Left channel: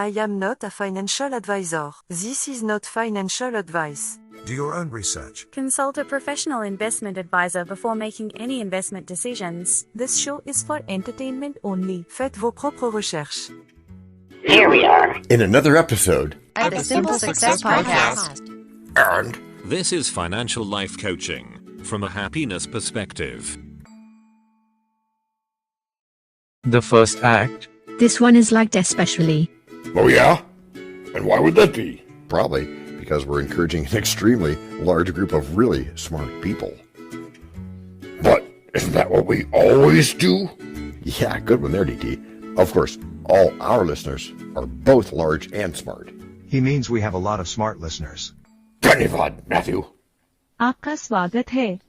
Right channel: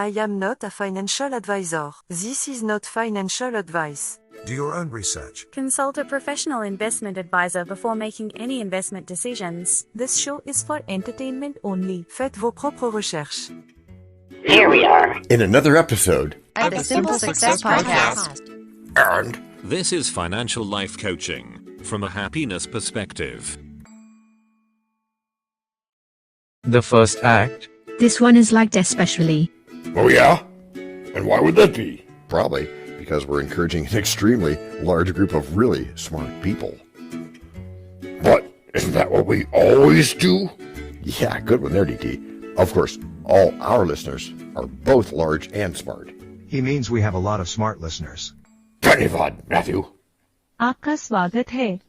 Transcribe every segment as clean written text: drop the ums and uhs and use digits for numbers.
I am not a financial advisor. This is not financial advice. Do your own research. Consult a professional investment advisor before making any investment decisions. This show is for entertainment only. Faites vos propres recherches. Here we are in another episode of the Simple Success Podcast. And this is financial life coaching from a happiness perspective. The first act. This one is liked especially. Oh yeah? And why would that be? Probably because we're encouraging an extremely large group of really smart people. But isn't that what we always do? Yeah, good one there, DT. Of course, all our listeners are both large and smart. He means we have a lot of smart listeners. Dhanyavad, Matthew. Aapka swagat hai.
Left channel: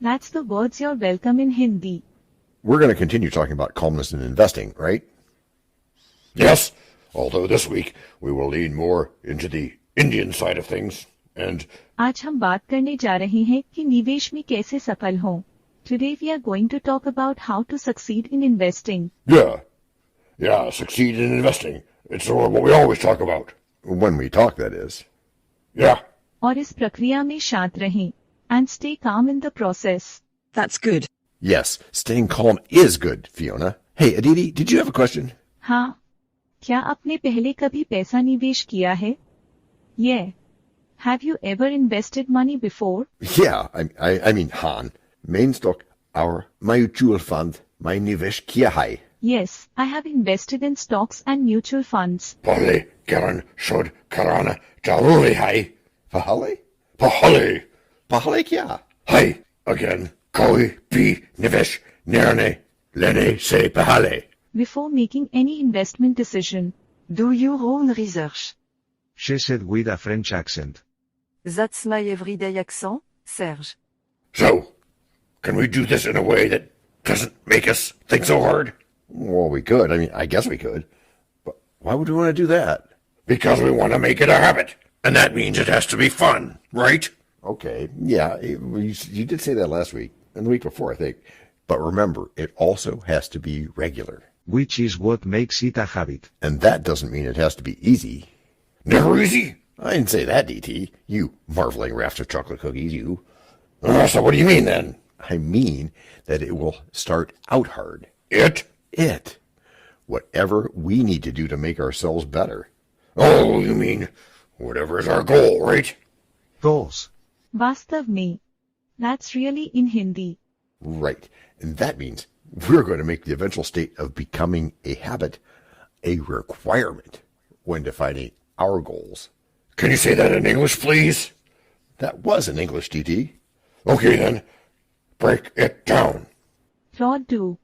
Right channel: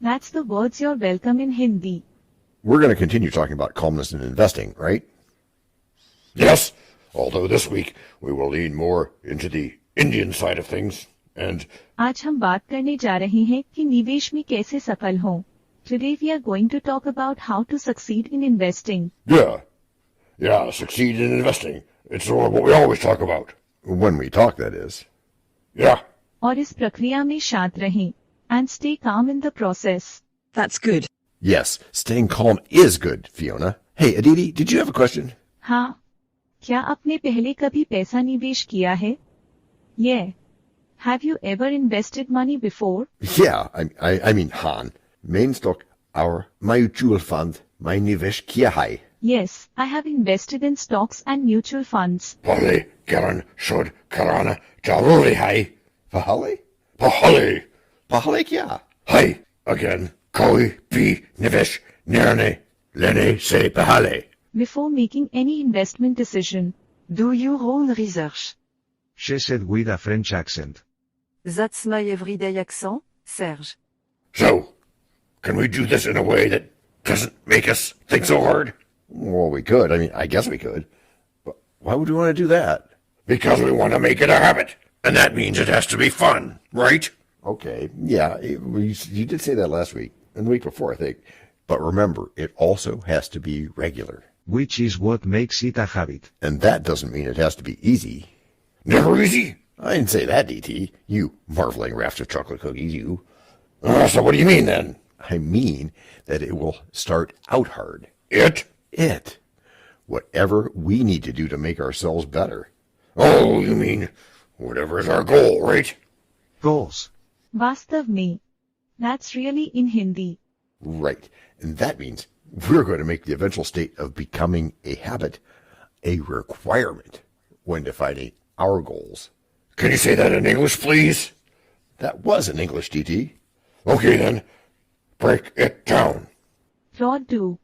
That's the words you're welcome in Hindi. We're going to continue talking about calmness in investing, right? Yes, although this week we will lean more into the Indian side of things, and आज हम बात करने जा रहे हैं कि निवेश में कैसे सफल हों. Today we are going to talk about how to succeed in investing. Yeah, succeed in investing. It's what we always talk about. When we talk, that is. Yeah. और इस प्रक्रिया में शांत रहें and stay calm in the process. That's good. Yes, staying calm is good, Fiona. Hey, Aditi, did you have a question? हाँ, क्या आपने पहले कभी पैसा निवेश किया है? Yeah. Have you ever invested money before? Yeah, I mean, Han. Main stock, our mutual fund, my nivesh kiya hai. Yes, I have invested in stocks and mutual funds. Pahle, Karan, Shod, Karana, Jaruri hai. Pahale? Pahale. Pahale kya? Hai, again. Koi, pi, nivesh, nirne, lene, se pahale. Before making any investment decision, Do your own research. She said with a French accent. That's my everyday accent, Serge. So, can we do this in a way that doesn't make us think so hard? Well, we could. I guess we could. But why would we want to do that? Because we want to make it a habit. And that means it has to be fun, right? Okay, yeah, you did say that last week, and the week before, I think. But remember, it also has to be regular. Which is what makes it a habit. And that doesn't mean it has to be easy. Never easy? I didn't say that, DT. You marveling raft of chocolate cookies, you. So what do you mean, then? I mean that it will start out hard. It? Whatever we need to do to make ourselves better. Oh, you mean whatever is our goal, right? Goals. वास्तव में. That's really in Hindi. Right. And that means we're going to make the eventual state of becoming a habit a requirement when defining our goals. Can you say that in English, please? That was in English, DT. Okay, then. Break it down. Fraud do.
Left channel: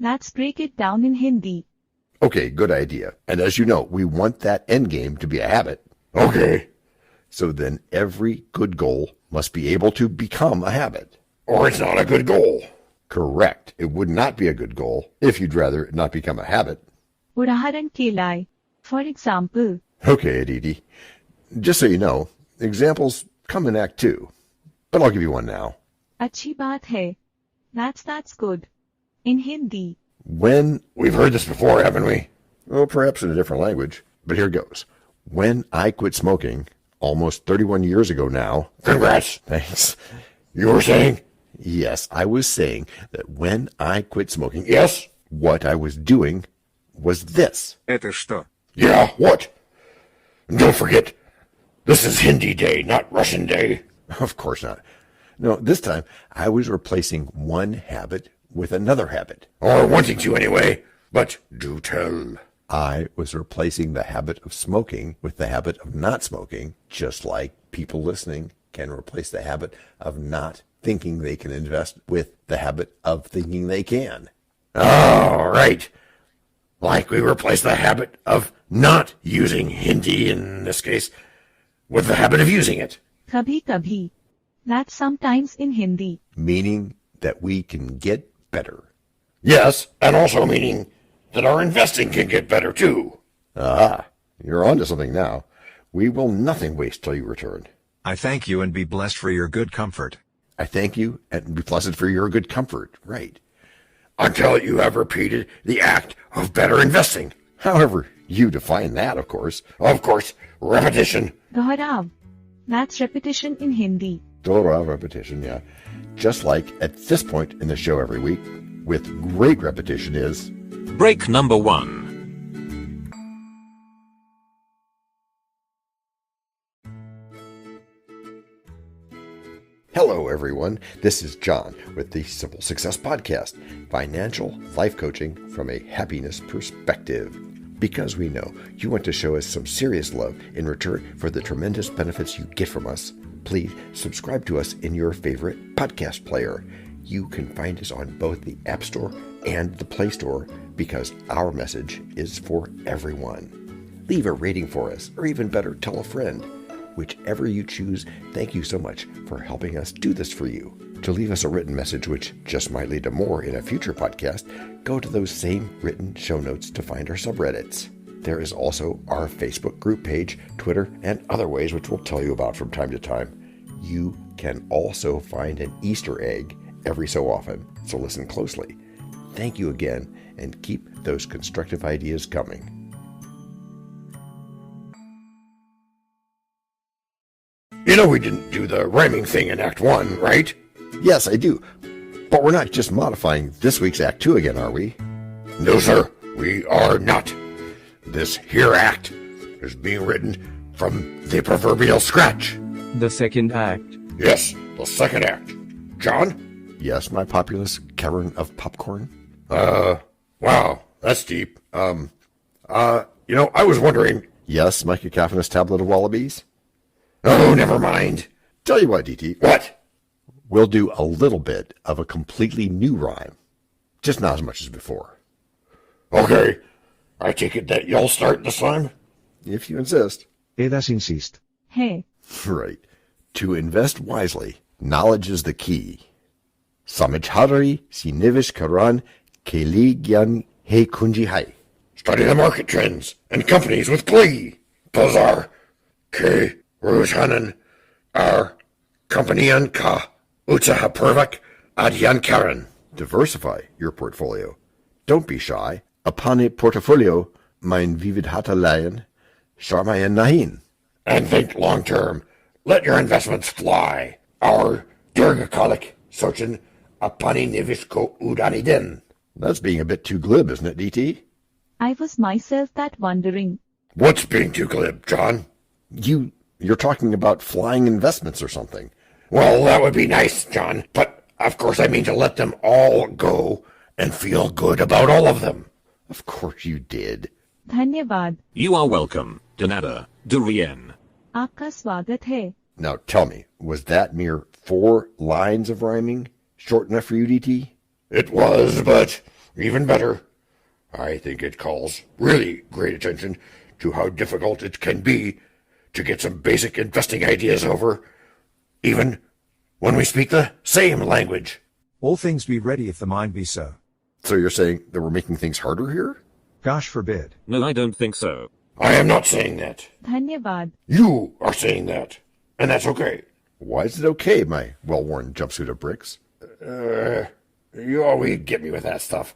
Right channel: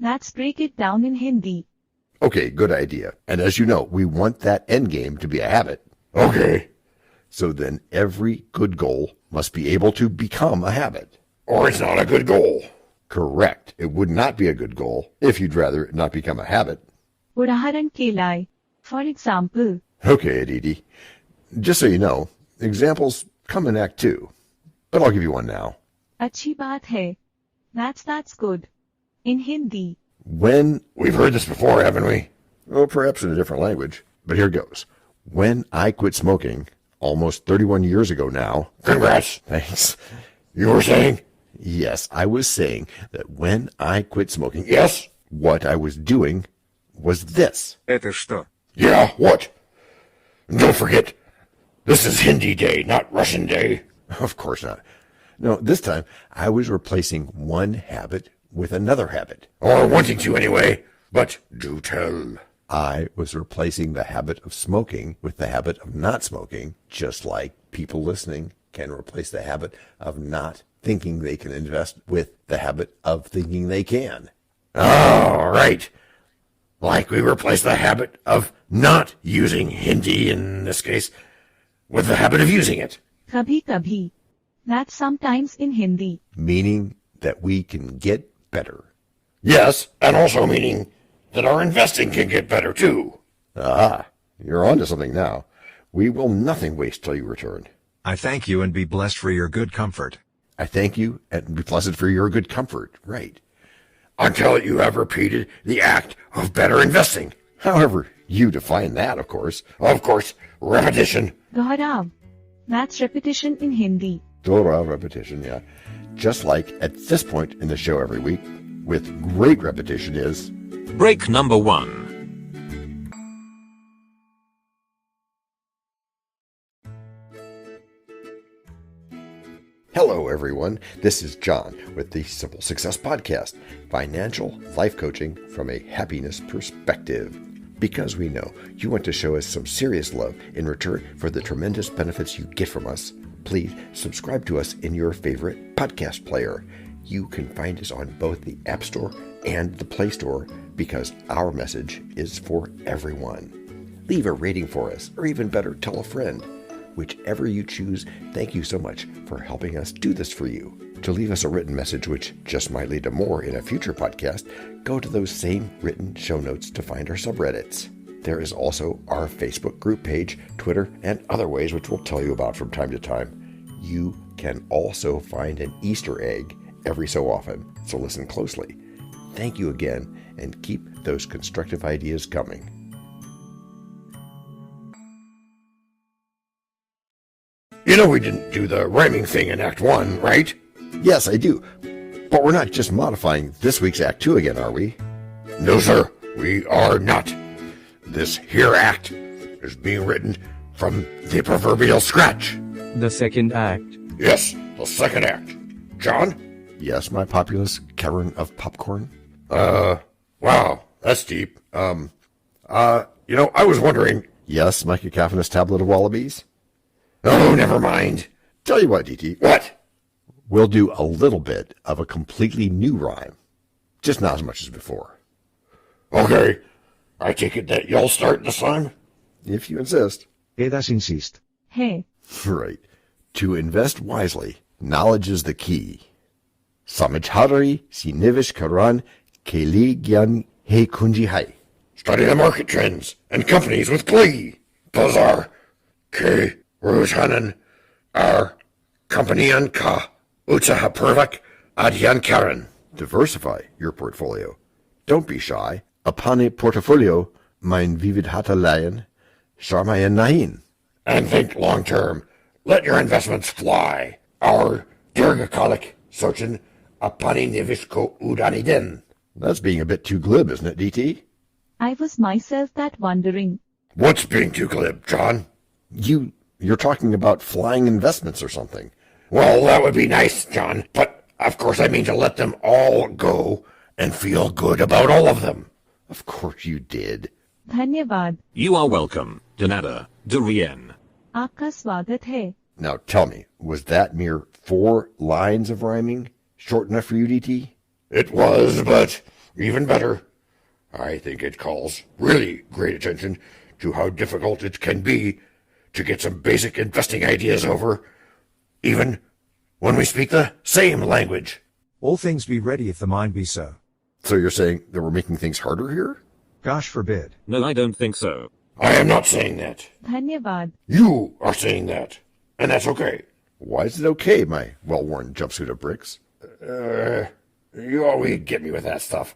Let's break it down in Hindi. Okay, good idea. And as you know, we want that end game to be a habit. Okay. So then every good goal must be able to become a habit. Or it's not a good goal. Correct. It would not be a good goal if you'd rather it not become a habit. उदाहरण के लिए, for example. Okay, Aditi. Just so you know, examples come in Act 2. But I'll give you one now. अच्छी बात है. That's good. In Hindi. When, we've heard this before, haven't we? Well, perhaps in a different language, but here goes. When I quit smoking, almost 31 years ago now. Congrats. Thanks. You were saying? Yes, I was saying that when I quit smoking, yes, what I was doing was this. Это что? Yeah, what? And don't forget, this is Hindi Day, not Russian Day. Of course not. No, this time I was replacing one habit with another habit. Or wanting to anyway, but do tell. I was replacing the habit of smoking with the habit of not smoking, just like people listening can replace the habit of not thinking they can invest with the habit of thinking they can. Oh, right. Like we replace the habit of not using Hindi in this case with the habit of using it. कभी-कभी. That's sometimes in Hindi. Meaning that we can get better. Yes, and also meaning that our investing can get better too. Ah, you're onto something now. We will nothing waste till you return. I thank you and be blessed for your good comfort. I thank you and be pleasant for your good comfort. Right. Until you have repeated the act of better investing. However You define that, of course. Of course, repetition. Dohrav. That's repetition in Hindi. Repetition, yeah. Just like at this point in the show every week, with great repetition is... Break number 1. Hello, everyone. This is John with the Simple Success Podcast, financial life coaching from a happiness perspective. Because we know you want to show us some serious love in return for the tremendous benefits you get from us, please subscribe to us in your favorite podcast player. You can find us on both the App Store and the Play Store because our message is for everyone. Leave a rating for us, or even better, tell a friend. Whichever you choose, thank you so much for helping us do this for you. To leave us a written message, which just might lead to more in a future podcast, go to those same written show notes to find our subreddits. There is also our Facebook group page, Twitter, and other ways which we'll tell you about from time to time. You can also find an Easter egg every so often, so listen closely. Thank you again, and keep those constructive ideas coming. You know we didn't do the rhyming thing in Act 1, right? Yes, I do. But we're not just modifying this week's Act 2 again, are we? No, sir, we are not. This here act is being written from the proverbial scratch. The second act. Yes, the second act. John? Yes, my populous Karen of popcorn? Wow, that's deep. I was wondering... Yes, my cacophonous tablet of wallabies? Oh, never mind. Tell you what, DT. What? We'll do a little bit of a completely new rhyme. Just not as much as before. Okay. I take it that you'll start this time? If you insist. Edas insist. Hey. Right. To invest wisely, knowledge is the key. Samajhari sinivish karan keli gyan he kunji hai. Study the market trends and companies with glee. Those are K. Rujhanan, our company and ka, Utsaha Purvak, Adyan Karen. Diversify your portfolio. Don't be shy. Apane portfolio, mein vividhata layan, sharmayan nahin. And think long term. Let your investments fly. Our Durgakalik, Sochin, Apane Nivisko Udaniden. That's being a bit too glib, isn't it, DT? I was myself that wondering. What's being too glib, John? You're talking about flying investments or something. Well, that would be nice, John, but of course I mean to let them all go and feel good about all of them. Of course you did. Dhanyavad. You are welcome, Danada, Durien. Aapka swagat hai. Now tell me, was that mere 4 lines of rhyming short enough for you, DT? It was, but even better. I think it calls really great attention to how difficult it can be to get some basic investing ideas over, even when we speak the same language. All things be ready if the mind be so. So you're saying that we're making things harder here? Gosh forbid. No, I don't think so. I am not saying that. Dhanyavad. You are saying that, and that's okay. Why is it okay, my well-worn jumpsuit of bricks? You always get me with that stuff.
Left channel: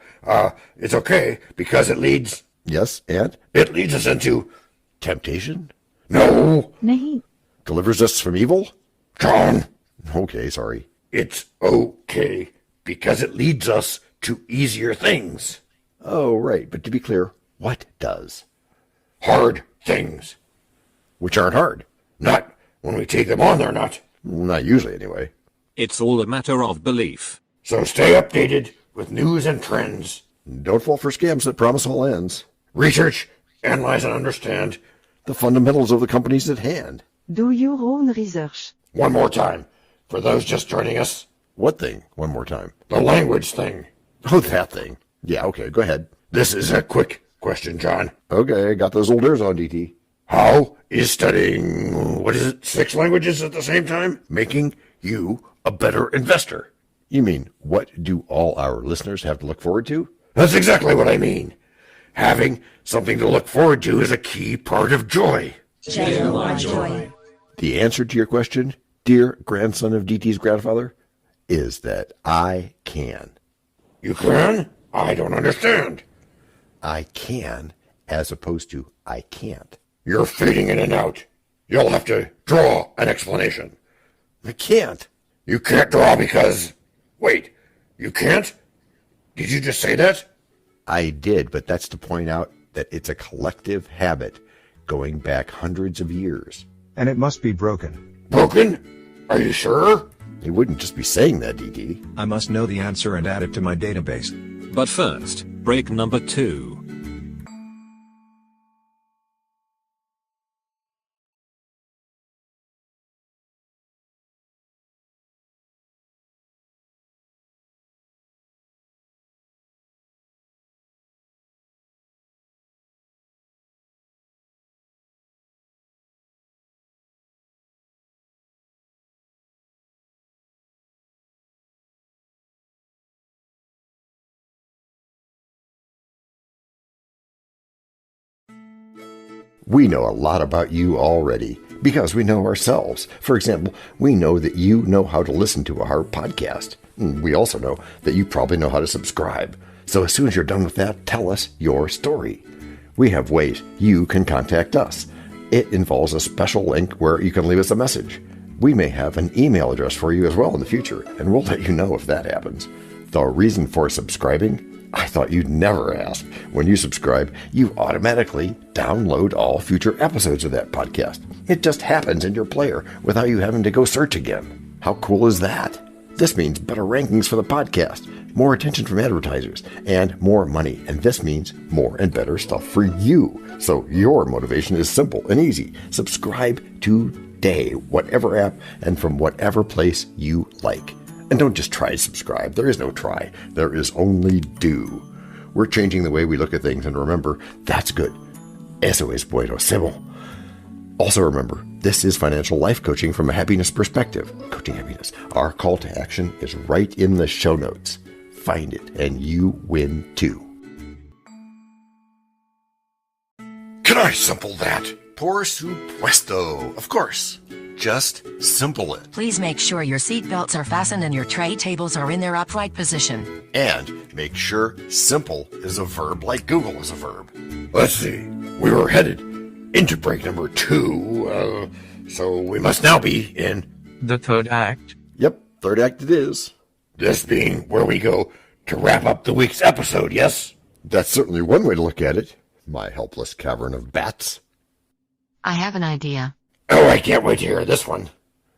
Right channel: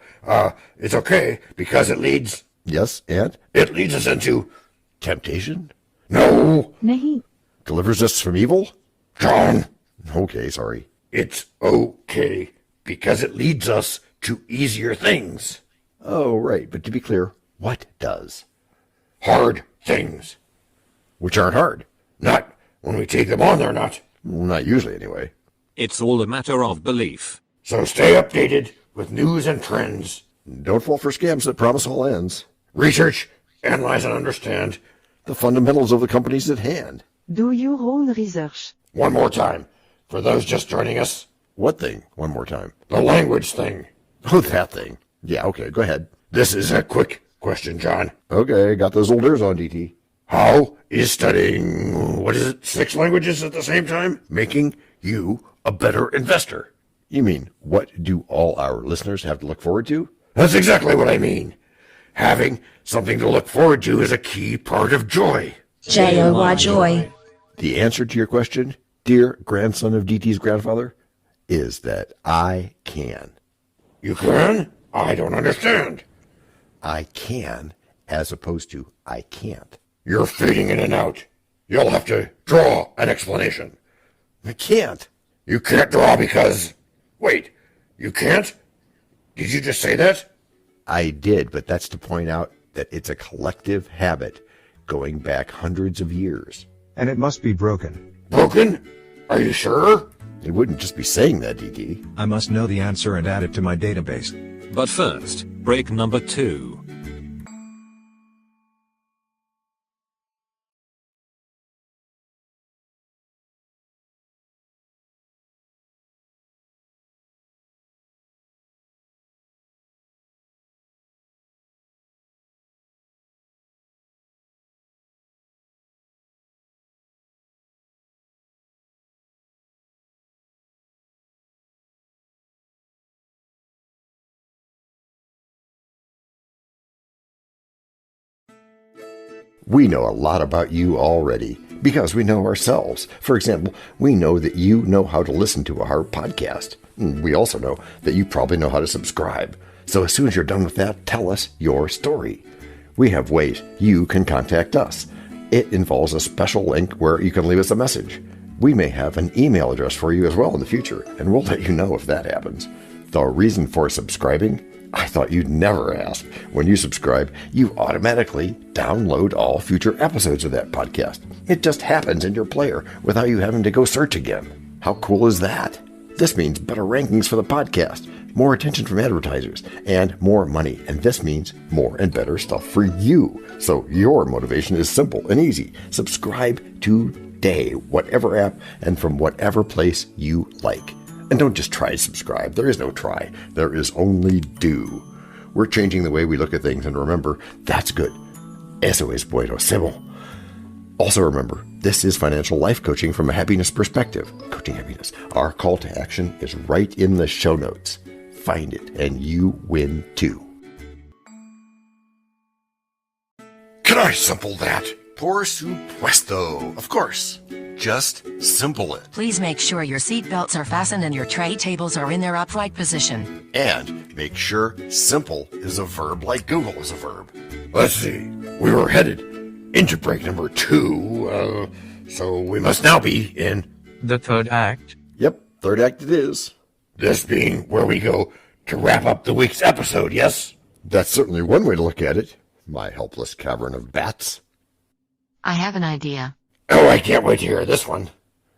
It's okay because it leads... Yes, and? It leads us into temptation? No. Nahi. Delivers us from evil? John. Okay, sorry. It's okay because it leads us to easier things. Oh, right. But to be clear, what does? Hard things. Which aren't hard. Not when we take them on, they're not. Not usually, anyway. It's all a matter of belief. So stay updated with news and trends. Don't fall for scams that promise all ends. Research, analyze, and understand the fundamentals of the companies at hand. Do your own research. One more time, for those just joining us. What thing? One more time. The language thing. Oh, that thing. Yeah, okay, go ahead. This is a quick question, John. Okay, got those old ears on, DT. How is studying, 6 languages at the same time, making you a better investor? You mean, what do all our listeners have to look forward to? That's exactly what I mean. Having something to look forward to is a key part of joy. J-O-Y, joy. The answer to your question, dear grandson of DT's grandfather, is that I can. You can? I don't understand. I can as opposed to I can't. You're fading in and out. You'll have to draw an explanation. I can't. You can't draw because... Wait, you can't? Did you just say that? I did, but that's to point out that it's a collective habit going back hundreds of years. And it must be broken. Broken? Are you sure? It wouldn't just be saying that, DT. I must know the answer and add it to my database. But first, break number 2. We know a lot about you already because we know ourselves. For example, we know that you know how to listen to our podcast. We also know that you probably know how to subscribe. So as soon as you're done with that, tell us your story. We have ways you can contact us. It involves a special link where you can leave us a message. We may have an email address for you as well in the future, and we'll let you know if that happens. The reason for subscribing? I thought you'd never ask. When you subscribe, you automatically download all future episodes of that podcast. It just happens in your player without you having to go search again. How cool is that? This means better rankings for the podcast, more attention from advertisers, and more money. And this means more and better stuff for you. So your motivation is simple and easy. Subscribe today, whatever app and from whatever place you like. And don't just try to subscribe. There is no try. There is only do. We're changing the way we look at things, and remember, that's good. Eso es buenísimo. Also remember, this is financial life coaching from a happiness perspective. Coaching happiness. Our call to action is right in the show notes. Find it, and you win too. Can I simple that? Por supuesto. Of course. Just simple it. Please make sure your seatbelts are fastened and your tray tables are in their upright position. And make sure simple is a verb like Google is a verb. Let's see. We were headed into break number 2, so we must now be in... The third act. Yep, third act it is. This being where we go to wrap up the week's episode, yes? That's certainly one way to look at it, my helpless cavern of bats. I have an idea. Oh, I can't wait to hear this one.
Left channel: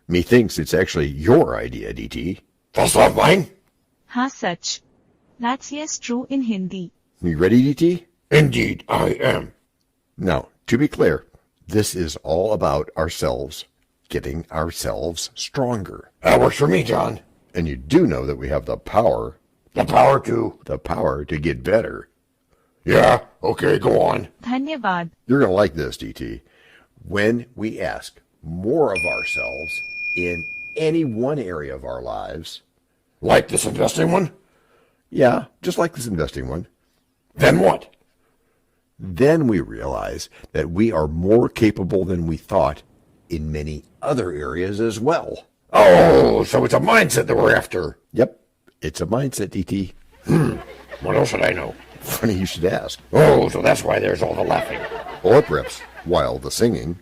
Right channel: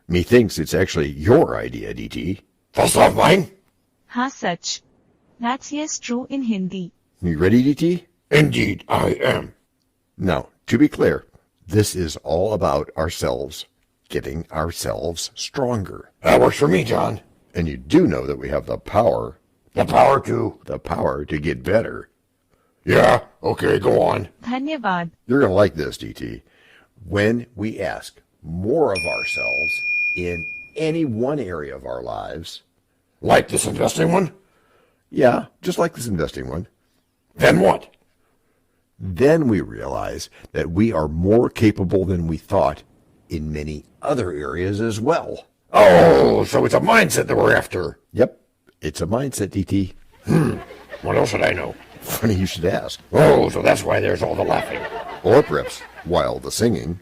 Methinks it's actually your idea, DT. First off, mine? हाँ सच. That's yes true in Hindi. You ready, DT? Indeed, I am. Now, to be clear, this is all about ourselves, getting ourselves stronger. That works for me, John. And you do know that we have the power. The power to... The power to get better. Yeah, okay, go on. धन्यवाद. You're going to like this, DT. When we ask more of ourselves in any one area of our lives. Like this investing one? Yeah, just like this investing one. Then what? Then we realize that we are more capable than we thought in many other areas as well. Oh, so it's a mindset that we're after. Yep, it's a mindset, DT. What else should I know? Funny you should ask. Oh, so that's why there's all the laughing. Or perhaps, while the singing.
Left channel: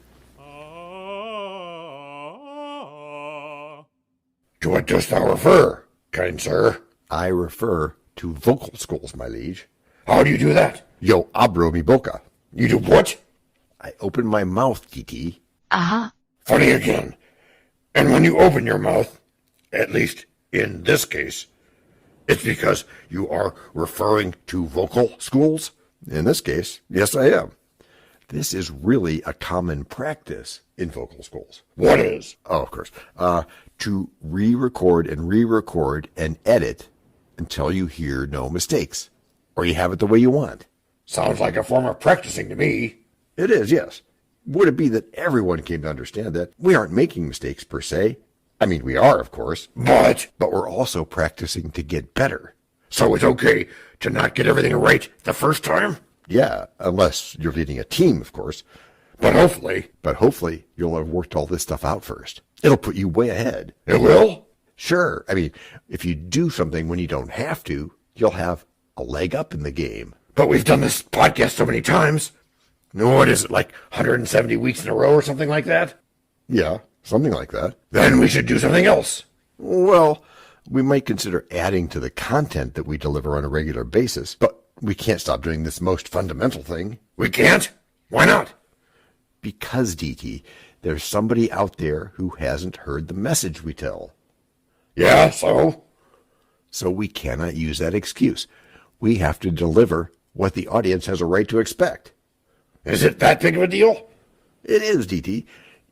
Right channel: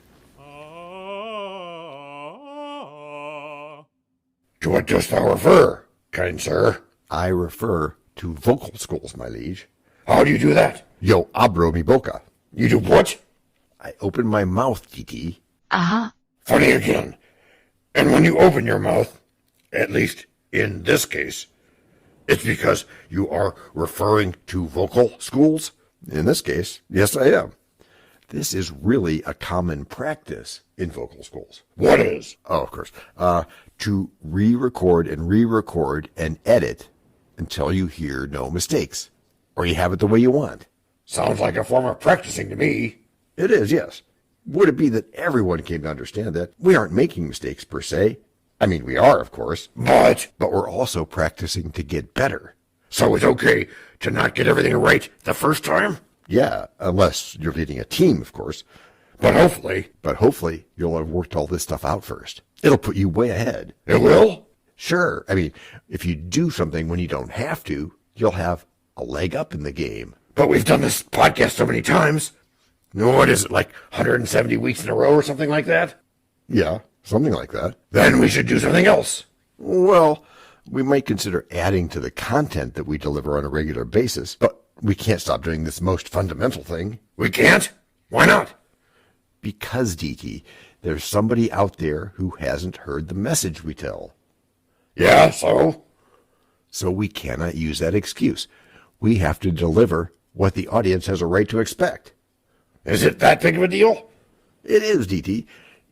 To what dost thou refer, kind sir? I refer to vocal schools, my liege. How do you do that? Yo abro mi boca. You do what? I open my mouth, DT. Uh-huh. Funny again. And when you open your mouth, at least in this case, it's because you are referring to vocal schools? In this case, yes, I am. This is really a common practice in vocal schools. What is? Oh, of course. To re-record and edit until you hear no mistakes, or you have it the way you want. Sounds like a form of practicing to me. It is, yes. Would it be that everyone came to understand that we aren't making mistakes per se? I mean, we are, of course, but we're also practicing to get better. So it's okay to not get everything right the first time? Yeah, unless you're leading a team, of course. But hopefully, you'll have worked all this stuff out first. It'll put you way ahead. It will? Sure. I mean, if you do something when you don't have to, you'll have a leg up in the game. But we've done this podcast so many times. No, what is it, like 170 weeks in a row or something like that? Yeah, something like that. Then we should do something else. Well, we might consider adding to the content that we deliver on a regular basis, but we can't stop doing this most fundamental thing. We can't? Why not? Because, DT, there's somebody out there who hasn't heard the message we tell. Yeah, so? So we cannot use that excuse. We have to deliver what the audience has a right to expect. Is it that big of a deal? It is, DT.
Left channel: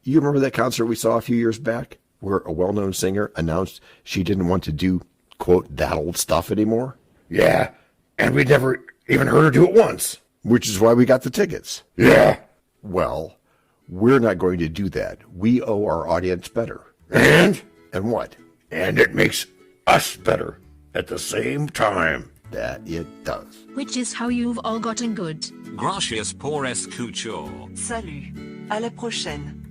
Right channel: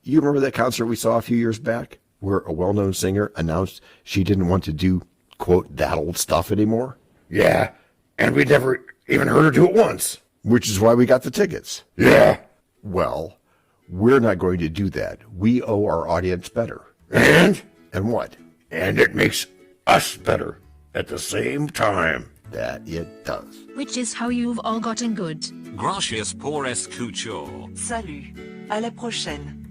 You remember that concert we saw a few years back, where a well-known singer announced she didn't want to do, quote, that old stuff anymore? Yeah, and we never even heard her do it once. Which is why we got the tickets. Yeah. Well, we're not going to do that. We owe our audience better. And? And what? And it makes us better at the same time. That it does. Which is how you've all gotten good. Gracias por escuchar. Salut. À la prochaine.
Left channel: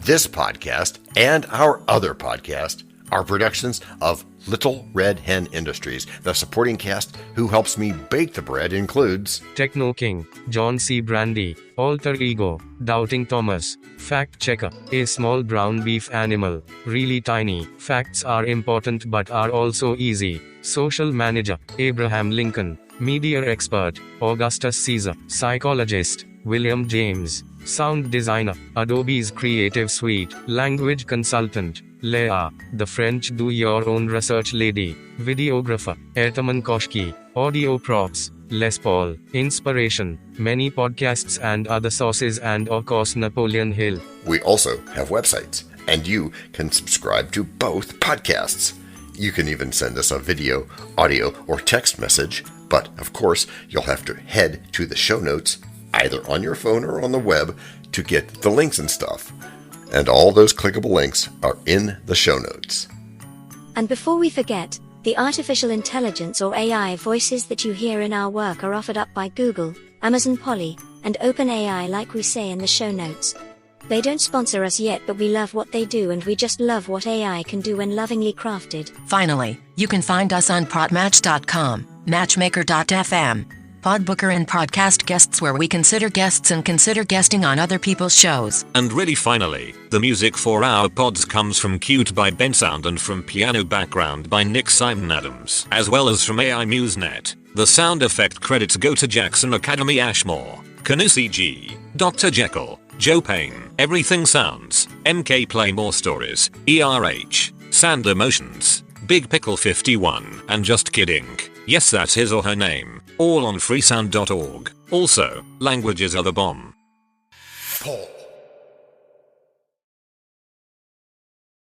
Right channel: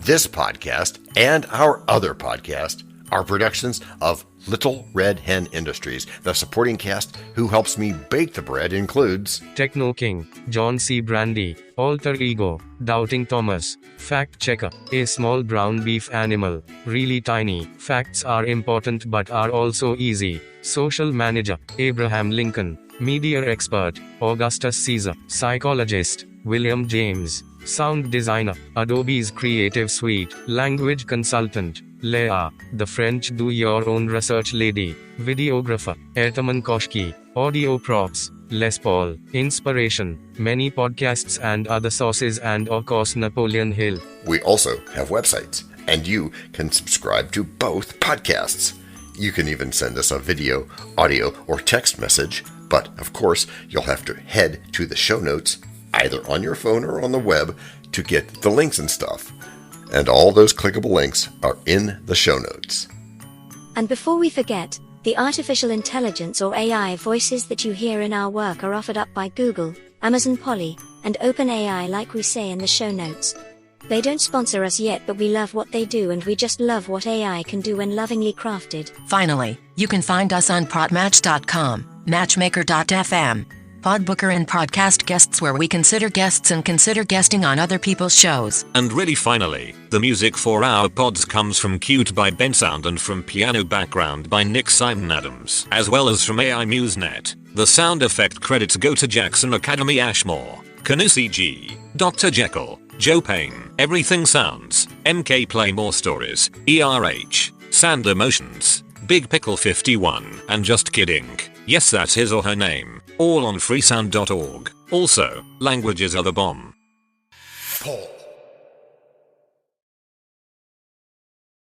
This podcast and our other podcast are productions of Little Red Hen Industries. The supporting cast who helps me bake the bread includes Techno King, John Brandy, Alter Ego, Doubting Thomas, Fact Checker, a small brown beef animal, really tiny, facts are important but are also easy, Social Manager, Abraham Lincoln, Media Expert, Augustus Caesar, Psychologist, William James, Sound Designer, Adobe's Creative Suite, Language Consultant, Leah, the French do-your-own research lady, Videographer, Ertaman Koshki, Audio Props, Les Paul, Inspiration, many podcasts and other sources and of course Napoleon Hill. We also have websites, and you can subscribe to both podcasts. You can even send us a video, audio, or text message, but of course you'll have to head to the show notes, either on your phone or on the web, to get the links and stuff. And all those clickable links are in the show notes. And before we forget, the artificial intelligence or AI voices that you hear in our work are offered up by Google, Amazon Polly, and OpenAI like we say in the show notes. They don't sponsor us yet, but we love what they do and we just love what AI can do when lovingly crafted. Finally, you can find us on podmatch.com, matchmaker.fm, Podbooker and Podcast Guests, where we consider guests and consider guesting on other people's shows. And really finally, the music for our pods comes from Cute by Ben Sound and from Piano Background by Nick Simon Adams, as well as from AI MuseNet. The sound effect credits go to Jackson Academy Ashmore, Canusi G, Dr. Jekyll, Joe Payne, Everything Sounds, MK Play More Stories, ERH, Sand Emotions, Big Pickle 51, and Just Kidding. Yes, that's his or her name. All on freesound.org. Also, languages are the bomb. Paul.